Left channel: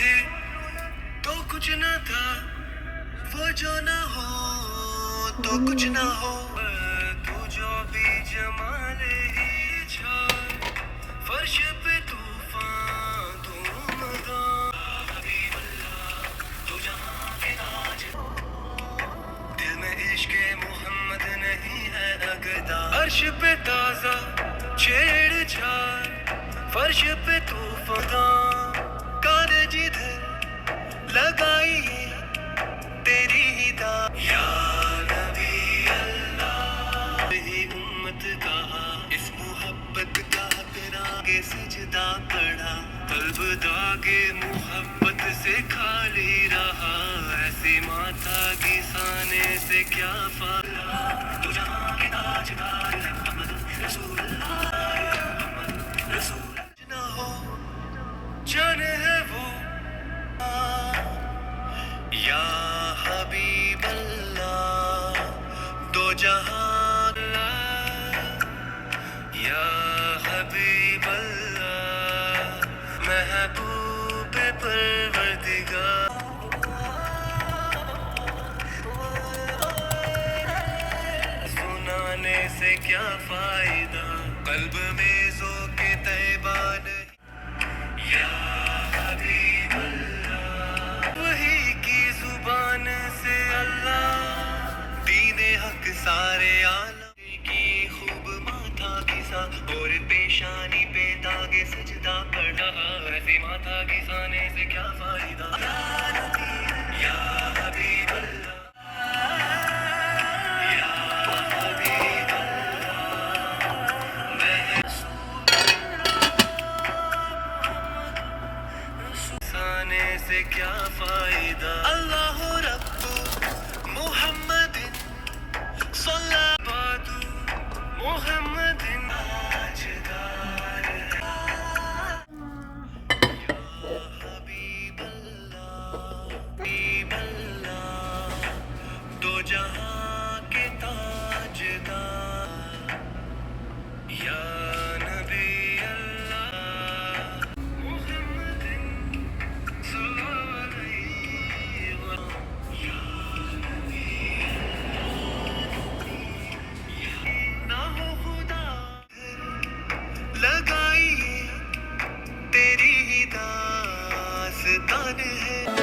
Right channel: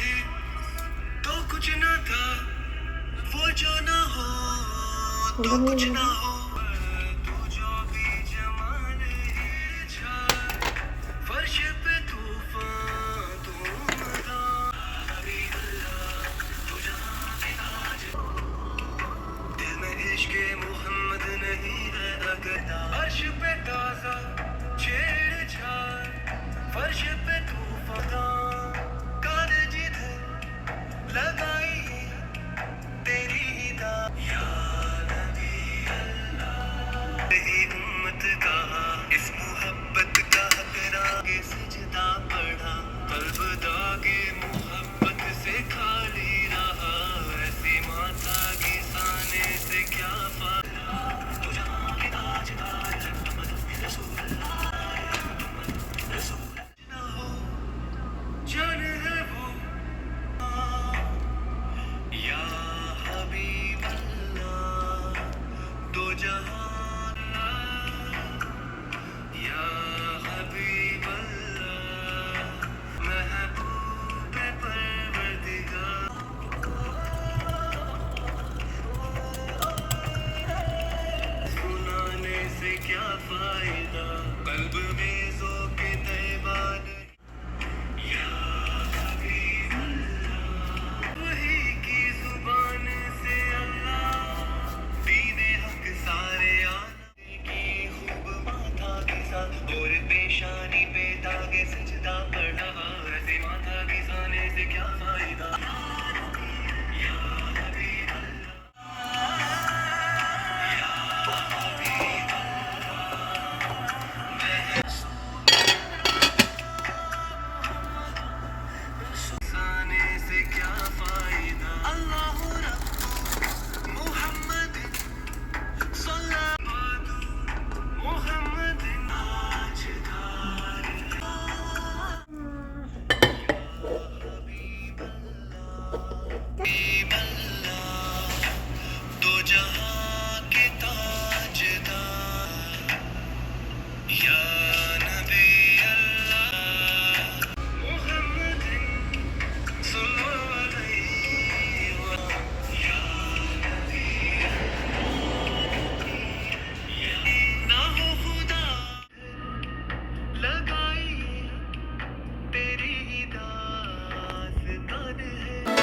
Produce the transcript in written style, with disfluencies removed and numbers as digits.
थे तो कुछ ना था, वो जो ना हो तो कुछ ना हो। तू जो भी जमाले छा, फर्श पे तूफान तू मदा, तू जहाँ के ताज, दिल में इश्क मोहम्मद नहीं है अगदा। अर्श पे ताजा छेड़छाड़, फर्श पे तूफान, कान जिधर लगाई तेरी ही दा। या नबी अल्लाह, ही उम्मत का इस मोहब्बत का करागे सजदा पड़ा। कल्ब दागे मोहब्बत से खाली रहा, ऐसी माता किसाने से क्या फायदा। तू जहाँ के ताजदार है अहमद रसूल रसूल ना हो, जाने है वो या हबीब अल्लाह, दो जहां अल्लाह, या हबीब अल्लाह, महबूब परवरदिगार। सुनाने से क्या फायदा, कल्ब में जो के तैबा नहीं। या हबीब अल्लाह, वही की जुबान से अल्लाह, दीने हक सारे आलम की खूब माथा घिसा, और पेशानी पे दागे सजदा पड़ा। ऐसे माथा घिसाने से क्या फायदा। या हबीब अल्लाह, घिसाने से क्या फायदा। अल्लाह रब्बु मुहम्मदिन सल्लल्लाहु मुहम्मदिन ताजदार, हबीब अल्लाह, दो जहां के ताजदार। या नबी अल्लाह मुहम्मदिन सल्लल्लाहु अलैहि वसल्लम। ना हो खुदा लगाई तेरी ही दास्तान है।